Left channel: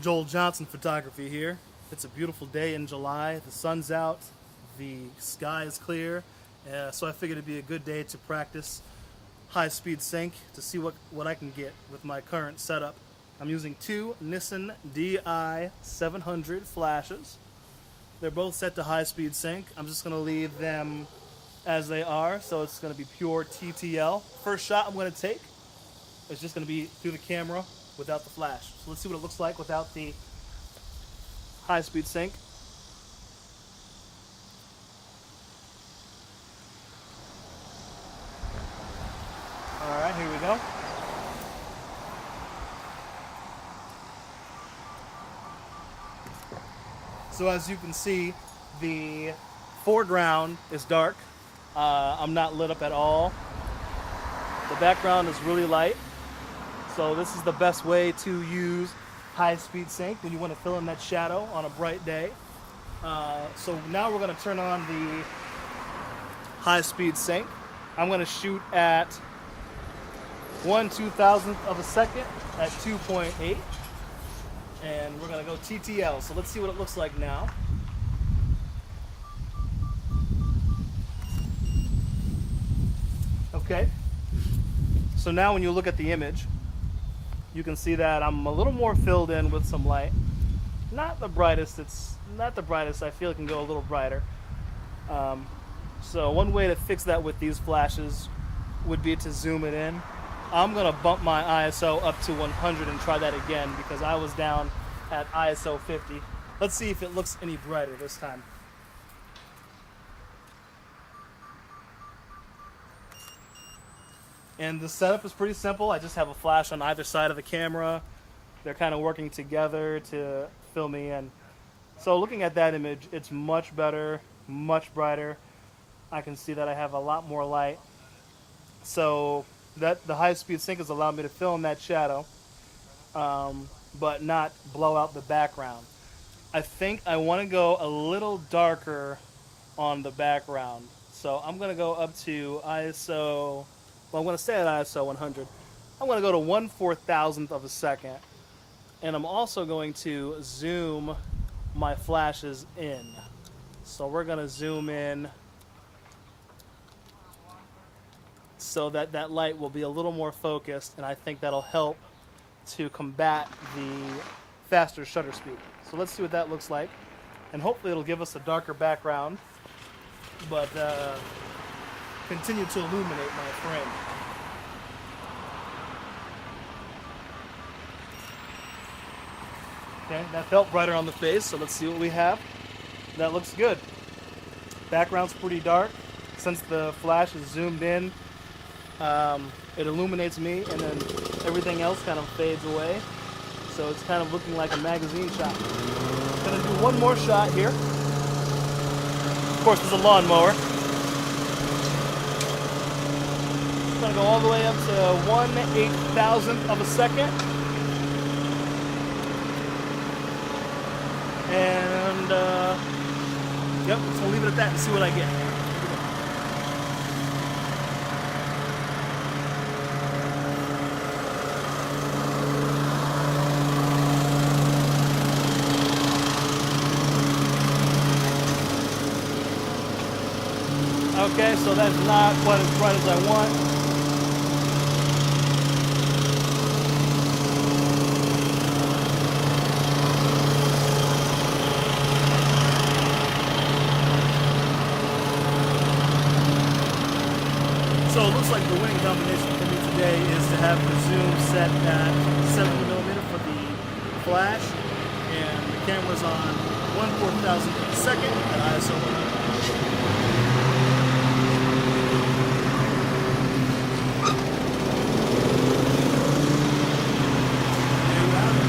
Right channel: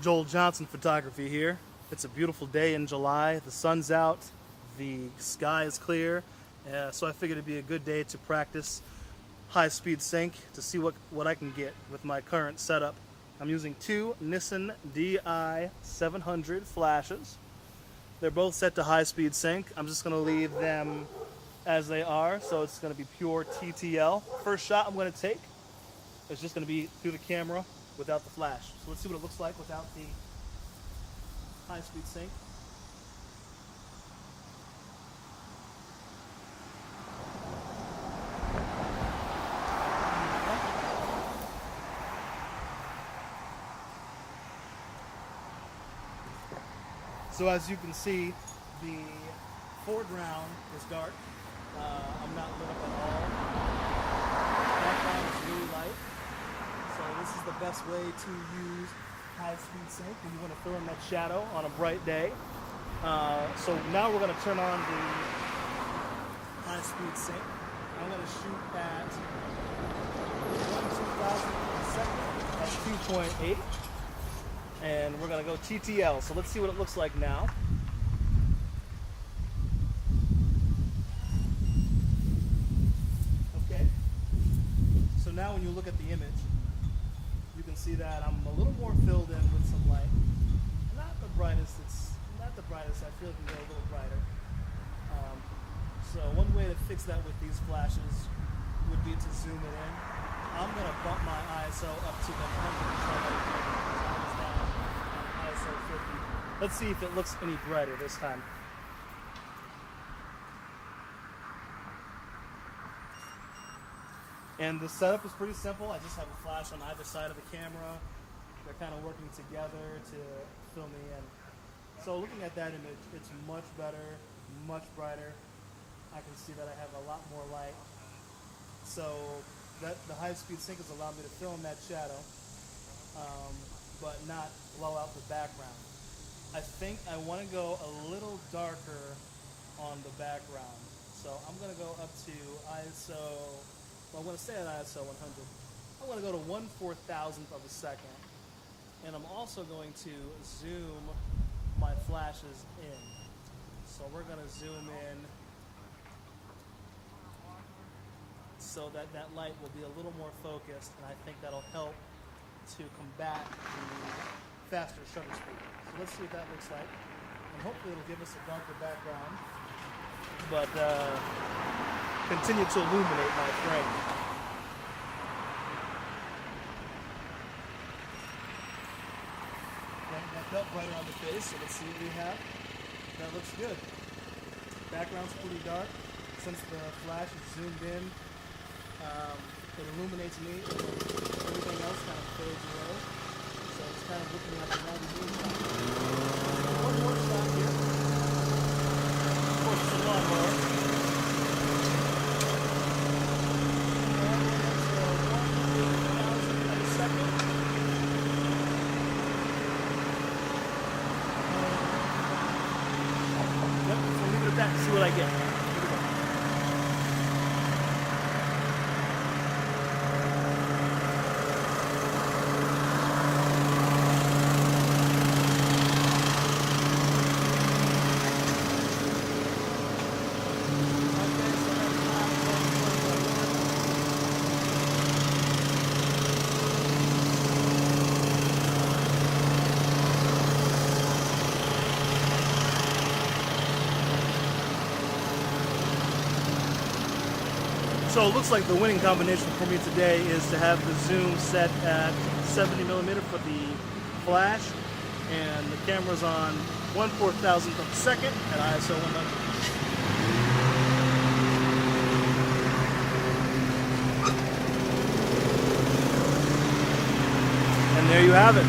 Joel Johnson Photography here. It's a beautiful day in July. The sun's out, the sky is clear, so I figured it'd be a good day to practice high-speed sync to see what I can get with my current setup. I'm using two Nissan Di700 Flashes. They're both set to high-speed sync. I'm just going to leave them as they are, so it's going to be pure TTL. First shot I'm going to take is just going to be through the camera without the flash. So let's see what it looks like without the high-speed sync. All right, here we go. So as you can see, the foreground is dark. I'm not lit up at all. The background is really light. So this is the best way to use high-speed sync when you want to fill in that shadow on a bright day. So now we're going to turn on the high-speed sync. I'm going to shoot at 1/2000th of a second at 2.8. And we're going to go TTL. So let's see what it looks like now. Okay. So now when you look at the image, you can see that I'm a little more filled in with some light. Not the brightest. It's not the brightest. I feel it can go a little brighter. So one way to fix that with these flashes would be to zoom it in. I'm going to bump my ISO up to 100 and try that again because I was down at ISO 50. Let's see if it looks any brighter this time. And the setup is pretty simple. I just have a flash on either side of the camera. They're kind of working together to fill me in. So looking at that image, it's much better, much brighter. I can see that I have a lot more light. So that the high-speed sync has allowed me to fill in that shadow, but not blow out the background. I think I want to go a little darker on the background. So I'm going to go up to ISO... Well, I'm going to stay at ISO 100. I'm going to go to 1/4000th of a second. And I'm also going to zoom my flashes in. So we're going to zoom in so that that light will be a little more focused, and I think that'll help to combat the faster shutter speed. So let's see what that looks like. And hopefully it'll give us a darker background, but continue to illuminate my frame. Okay, that felt brighter on the face, so let's see what we have. That looks good. Background's pretty dark. Since the flash is zoomed in, it illuminates me, and then everything else kind of fades away. So it's kind of looking like a magazine shot. Gonna do one more shot here. Of course, there's a lawnmower. I'm gonna go all the way up to 1/8000th of a second. And, yep, just gonna leave it at that and see what I get. Here we go. Okay, so that's not quite as bright as I want. So it looks like the winning combination for me today is to have the zoom set at 70mm for the flash, and the camera's on 1/4000th of a second at ISO 100. And there you have it.